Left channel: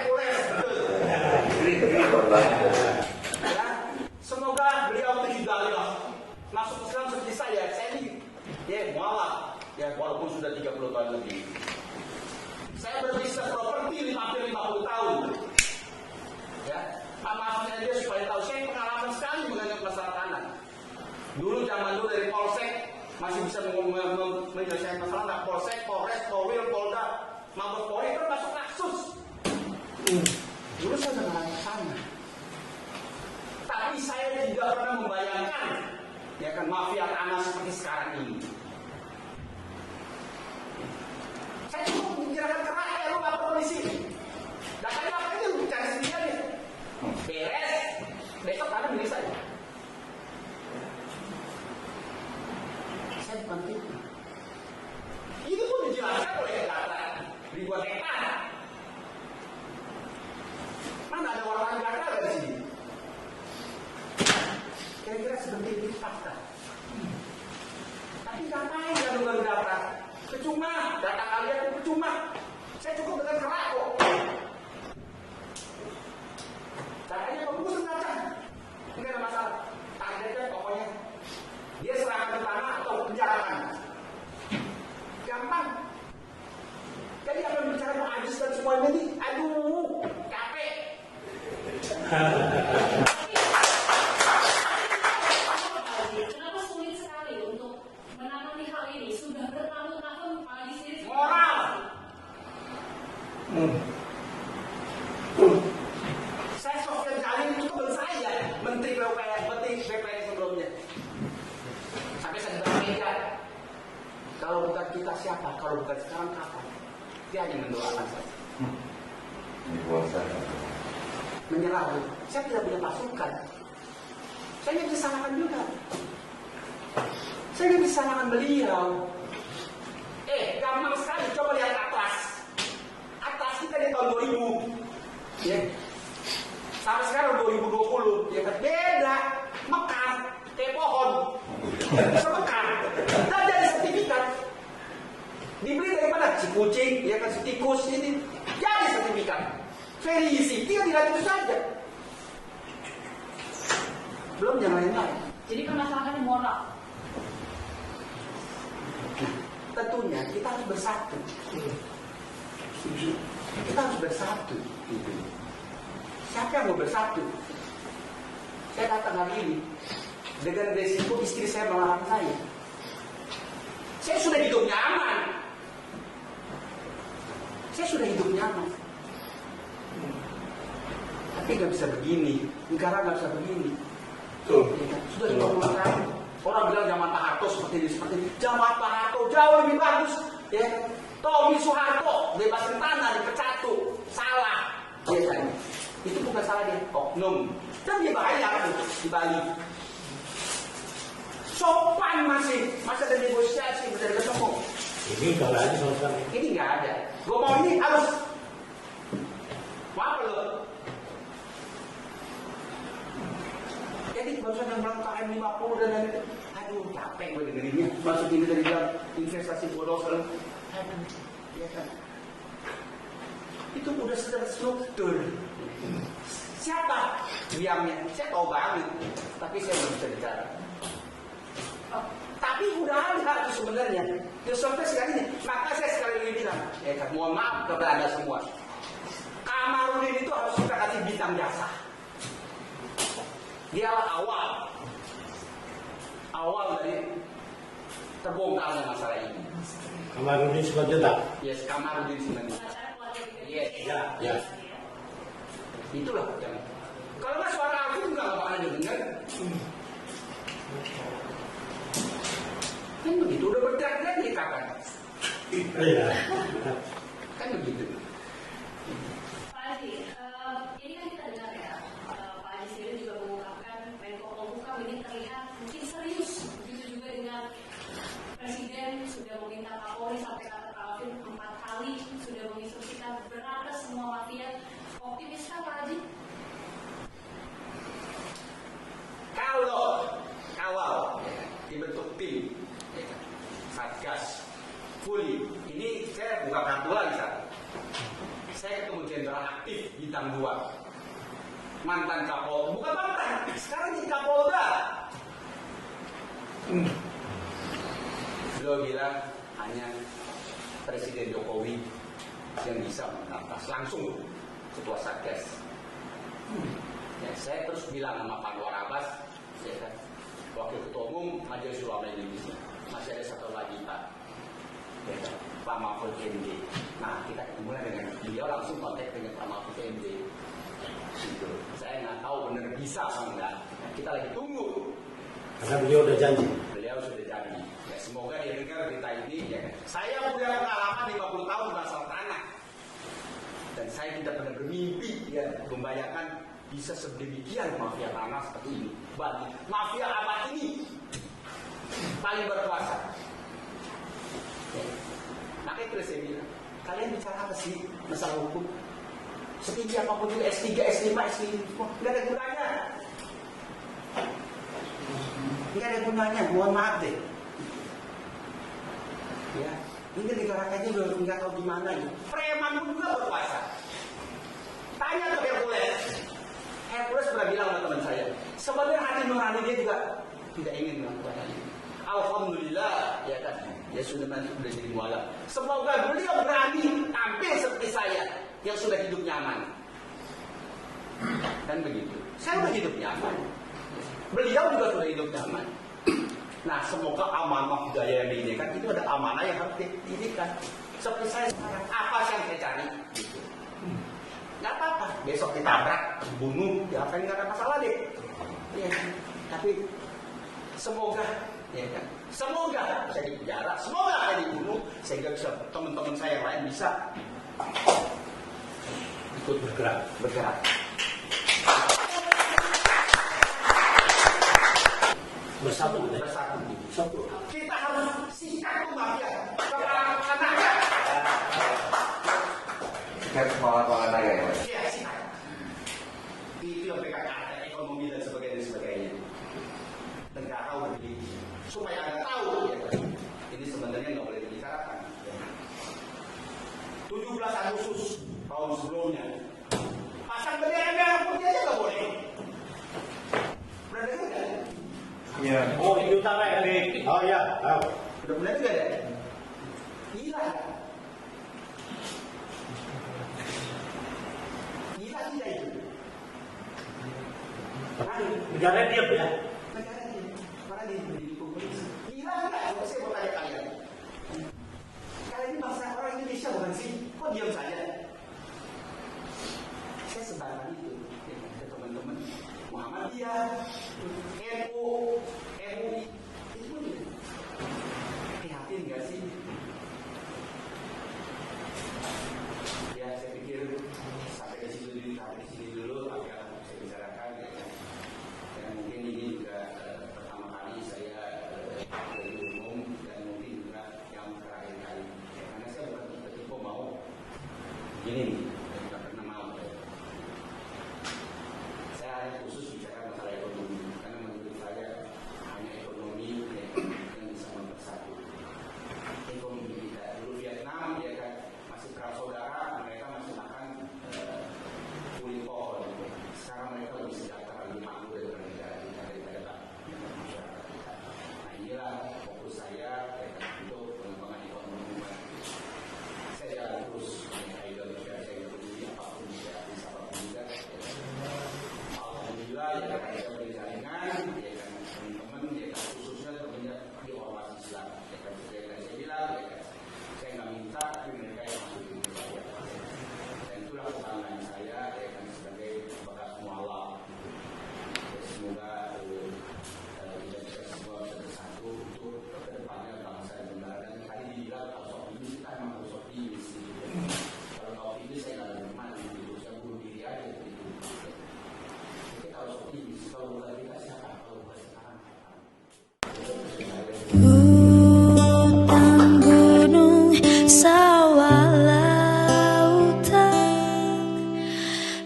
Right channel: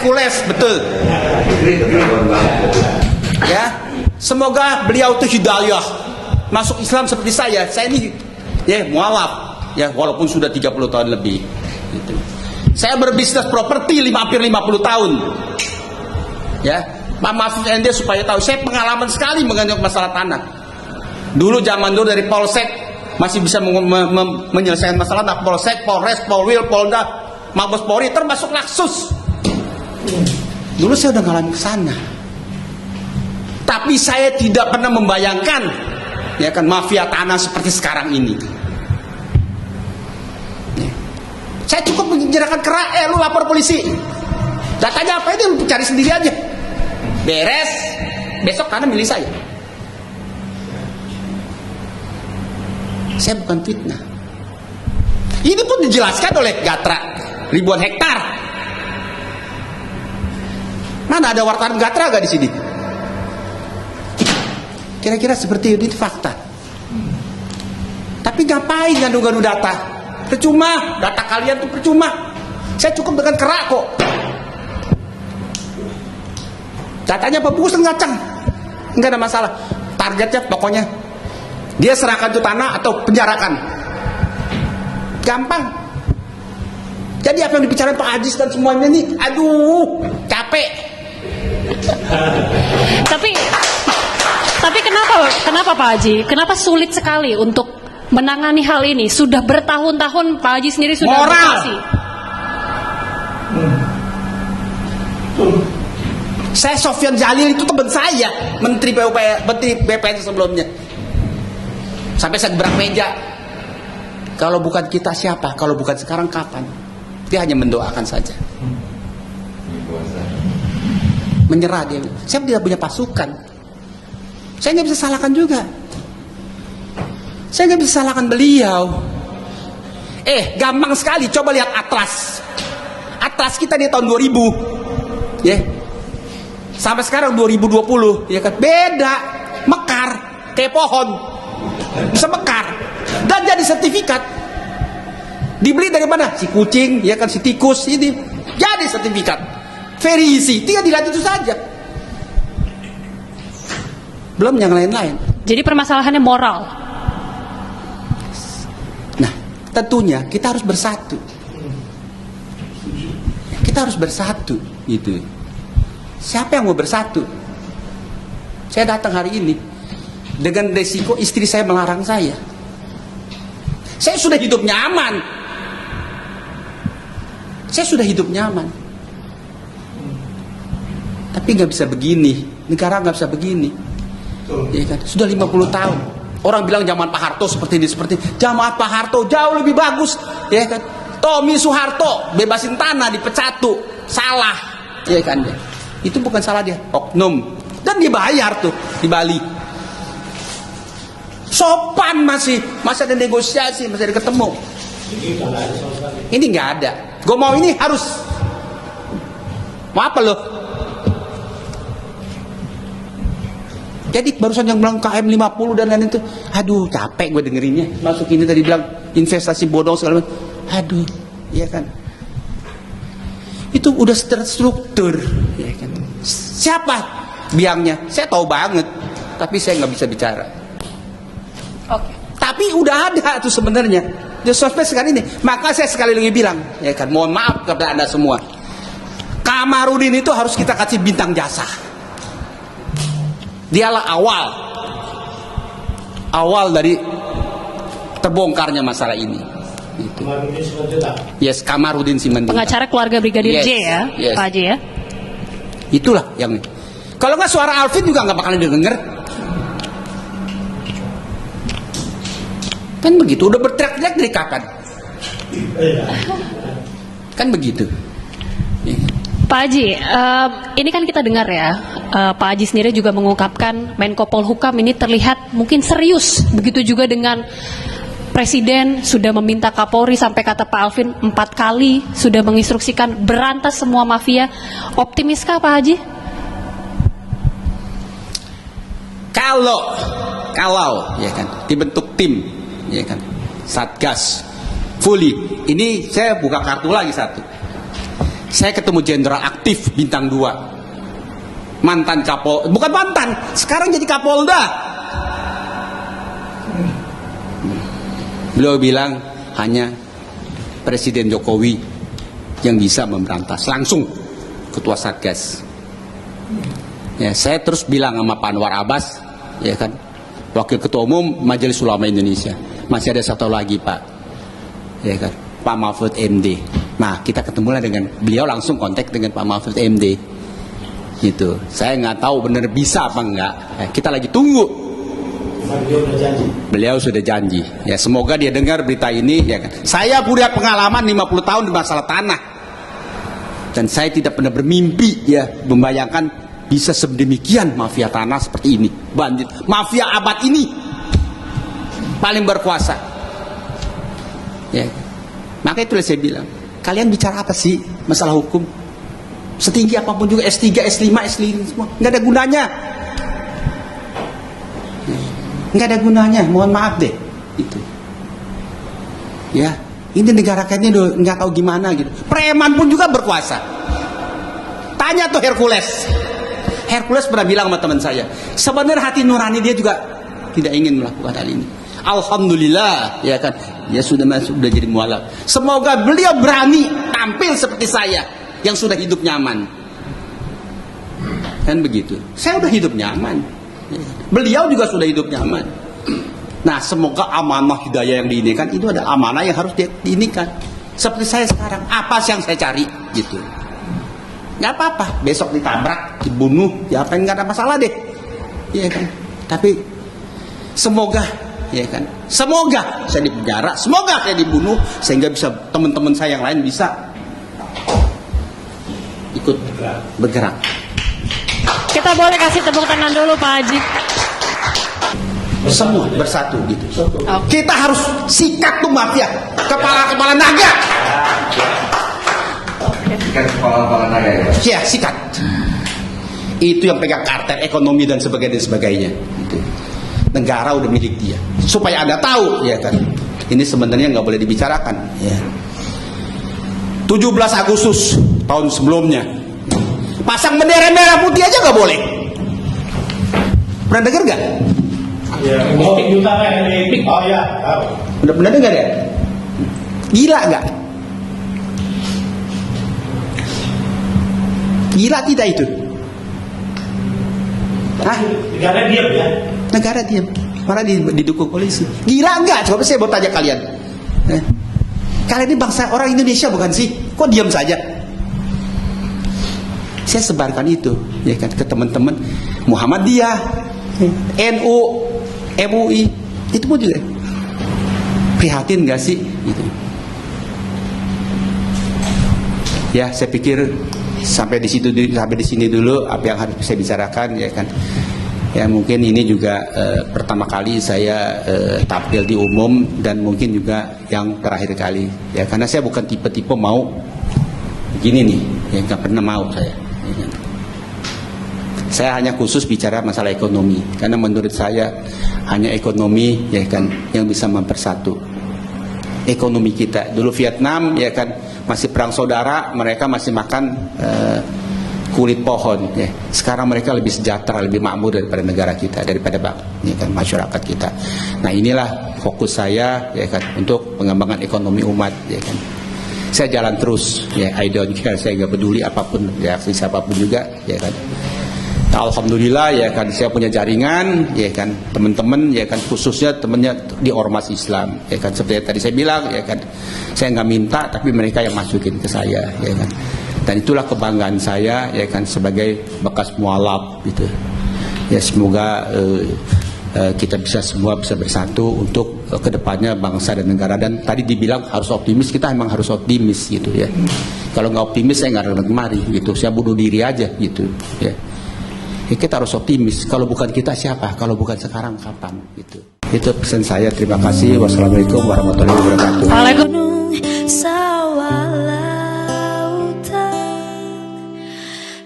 Hercules, betul. Ya, semoga beliau itu hidayah masuk Islam seperti saya. Saya ini ya mualaf, ya walaupun sudah 30 tahun lebih. Gitu. Saya berbisnis properti hampir 50 tahun. Ya, Pak Mahfud MD supaya tahu, saya pengalaman sekali mengenai masalah tanah. Dulu zaman dulu dari Polsek masih bisa menyelesaikan masalah. Nah, Polsek, Polres, Polwil, Polda, Mabes Polri, termasuk Laksus. Dulu saya udah ngalamin ke sana. Tapi saya tidak pernah membayangkan ya kan mafia tanah seperti sekarang ini. Ya. Saya cukup menyerahkan ke rakyat, lu lapor polisi. Datanya apa itu lu cari sendiri aja. Beres, besok tanah milik saya. Saya bukan fitnah. Ini pun dijelaskan oleh Gatra, ribuan hektar. Mana ada wartawan Gatra gak di sini? Kira-kira seperti itu fakta. Tapi ngapain ngadu-ngadu data? Percuma, data kalian tuh percuma. Saya cukup dengan kerak kok. Datanya bagus dan ngacang, nggak ada masalah. Targetnya pokoknya dia serahkan itu tanah atau penjarakan. Gampang. Jadi apa yang dibicarakan Pak Ajis dan semuanya ini, aduh, capek. Tapi kenapa Pak Haji? Kenapa sulit sekali untuk menangani hal ini? Sudah bertahun-tahun Pak Haji sendiri sudah beroperasi. Saya Sofyan Jalil itu teman saya, Menteri BPN sebelumnya. Sampai saya gerak meja. Kalau bukan kita siapa? Kalau bukan sekarang kapan? Dia hanya mendoakan saja. Menyerah dia. Saya tidak punya pasukan. Saya nggak bisa salahkan juga. Saya nggak bisa salahkan beliau. Gampang sekali. Coba lihat atlas. Atlas kita di tahun 2000, ya. Sampai sekarang 2020, ya kan? Beda, mekar, kayak pohon, bisa mekar, dan jadi sertifikat. Dibeli dari mana? Si kucing, ya kan? Si tikus, ini jadi sertifikat. Very easy, tinggal dilihat itu saja. Belum yang lain-lain. Jadi permasalahannya moral. Nah, tentunya kita harus bersatu. Kita harus bersatu, gitu. Siapa yang mau bersatu? Saya datang hari ini dengan resiko istri saya melarang saya. Saya sudah hidup nyaman. Saya sudah hidup nyaman. Tapi nggak bisa begini. Negara nggak bisa begini. Ya kan? Sudah 50 tahun. Orang bilang zaman Pak Harto seperti ini, seperti ini. Zaman Pak Harto jauh lebih bagus. Ya kan? Tommy Soeharto bebasin tanah dipecat tuh. Salah. Ya kan? Itu bukan salah dia, oknum. Dan dibayar tuh di Bali. Sopan masih ada negosiasi, masih ada ketemu. Ini nggak ada. Gue mau ini harus. Mau apa lo? Jadi barusan yang bilang KM 50 dan lain itu, aduh capek gue dengerinnya. Masuk ini tadi bilang investasi bodong segala macam. Aduh, iya kan. Itu udah terstruktur, ya kan. Siapa biangnya? Saya tahu banget, tapi saya nggak bisa bicara. Oke. Tapi udah ada tuh sebenarnya. Di sosmed sekarang ini. Maka saya sekali lagi bilang, ya kan, mohon maaf kepada Anda semua. Kamarudin itu harus kita kasih bintang jasa. Dialah awal dari terbongkarnya masalah ini. Gitu. Yes, Kamarudin Simanjuntak. Pengacara keluarga Brigadir Yes, J ya, yes. Pak Haji ya. Itulah yang. Kalau nggak suara Alvin juga nggak bakalan didengar. Kan begitu. Udah berteriak-teriak dari kapan? Kan begitu. Pak Haji, ini kan kita dengar ya, Pak Haji sendiri juga mengungkapkan Menko Polhukam ini terlihat mungkin serius. Begitu juga dengan Presiden sudah meminta Kapolri, sampai kata Pak Alvin 4 kali sudah menginstruksikan berantas semua mafia. Optimiskah Pak Haji? Kalau ya kan dibentuk tim, ya kan, Satgas fully. Ini saya buka kartu lagi satu. Saya ketemu jenderal aktif bintang 2, mantan bukan mantan, sekarang jadi Kapolda. Beliau bilang hanya Presiden Jokowi yang bisa memberantas, langsung Ketua Satgas. Ya, saya terus bilang sama Pak Anwar Abbas, ya kan, Wakil Ketua Umum Majelis Ulama Indonesia, masih ada satu lagi Pak, ya kan, Pak Mahfud MD. Nah, kita ketemulah dengan beliau, langsung kontak dengan Pak Mahfud MD, gitu. Saya nggak tahu benar bisa apa enggak. Kita lagi tunggu. Beliau sudah janji. Ya, semoga dia dengar berita ini. Ya kan. Saya punya pengalaman 50 tahun di masalah tanah, dan saya tidak pernah bermimpi ya membayangkan bisa sedemikian mafia tanah seperti ini, bandit, mafia abad ini paling berkuasa. Ya, maka itulah saya bilang, kalian bicara apa sih masalah hukum? Setinggi apapun juga, S3, S5, S5 semua, nggak ada gunanya. Nggak ada gunanya, mohon maaf deh. Itu. Ya, ini negara kayaknya udah nggak tahu gimana gitu. Preman pun juga berkuasa. Tanya tuh Hercules. Hercules pernah bilang sama teman saya, sebenarnya hati nurani dia juga tidak ingin melakukan hal ini. Alhamdulillah, ya kan, dia sudah jadi mualaf. Semoga beliau berani tampil seperti saya yang sudah hidup nyaman. Kan begitu. Saya udah hidup nyaman. Beliau juga sudah hidup nyaman. Nah, semoga amanah hidayah yang diinikan itu ada amanah yang harus diinikan. Seperti saya sekarang, apa sih yang saya cari gitu. Nggak apa-apa, besok ditabrak, dibunuh, diapain, nggak ada masalah deh, ya kan. Tapi semoga, ya kan, semoga saya dipenjara, semoga saya dibunuh, sehingga bisa teman-teman saya yang lain bisa ikut bergerak. Kita boleh kasih tepuk tangan dulu Pak Haji. Semua bersatu gitu. Kita harus sikat tuh mafia, kepala naga. Kepala naga ya, sikat. Itu yang pegang kartel ekonomi dan sebagainya. Gitu. Negara udah milik dia. Supaya Anda tahu, ya kan. Ini sebenarnya nggak boleh dibicarakan. Ya. 17 Agustus tahun sebelumnya, pasang bendera merah putih aja nggak boleh. Pernah dengar nggak? Ya, oh ya, tahu. Pernah dengar ya? Gila nggak? Gila tidak itu? Hah? Negara diam ya? Negara diam, malah didukung polisi. Gila enggak? Coba saya mau tanya kalian. Kalian ini bangsa orang Indonesia bukan sih? Kok diam saja? Saya sebarkan itu, ya kan, ke teman-teman Muhammadiyah, NU, MUI, itu pun juga prihatin nggak sih? Gitu. Ya, saya pikir sampai di sini dulu apa yang harus saya bicarakan, ya kan. Ya mungkin ini juga pertama kali saya tampil di umum, dan mungkin juga yang terakhir kali, ya, karena saya bukan tipe-tipe mau begini nih, ya nggak pernah mau saya. Ya kan? Saya hanya khusus bicara masalah ekonomi, karena menurut saya hanya ekonomi, ya kan, yang bisa mempersatu ekonomi kita. Dulu Vietnam, ya kan, masih perang saudara, mereka masih makan kulit pohon, ya. Sekarang mereka lebih sejahtera, lebih makmur daripada negara kita, daripada ya kan, masyarakat kita. Nah, inilah fokus saya, ya kan, untuk pengembangan ekonomi umat, ya kan. Saya jalan terus, ya, I don't care, saya nggak peduli apapun reaksi siapapun juga, ya kan. Nah, alhamdulillah, ya kan, saya punya jaringan, ya kan, teman-teman, ya kan, khususnya temannya di ormas Islam, ya kan, seperti yang tadi saya bilang, ya kan, saya nggak minta, tapi mereka yang masukin ke saya, ya kan. Dan itulah kebanggaan saya, ya kan, sebagai bekas mualaf, gitu. Ya, semoga kita semua bisa bersatu untuk kedepannya bangsa dan negara. Dan tadi dibilang harus optimis, kita emang harus optimis, gitu ya. Kalau nggak optimis, saya nggak akan kemari, gitu. Saya bunuh diri aja, gitu. Ya. Ya, kita harus optimis. Kalau bukan kita siapa? Kalau bukan sekarang kapan? Gitu. Itu pesan saya. Terima kasih. Wassalamualaikum warahmatullahi wabarakatuh. Gunung, sawah, lautan,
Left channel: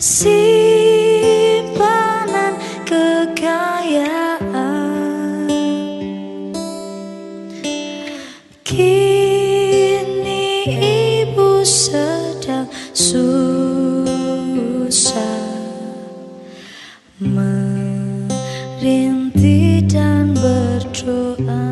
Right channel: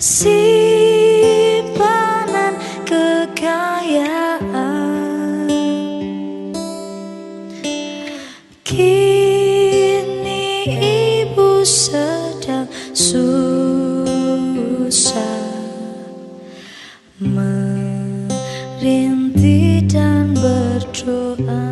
simpanan kekayaan, kini ibu sedang sedang susah, merintih dan berdoa.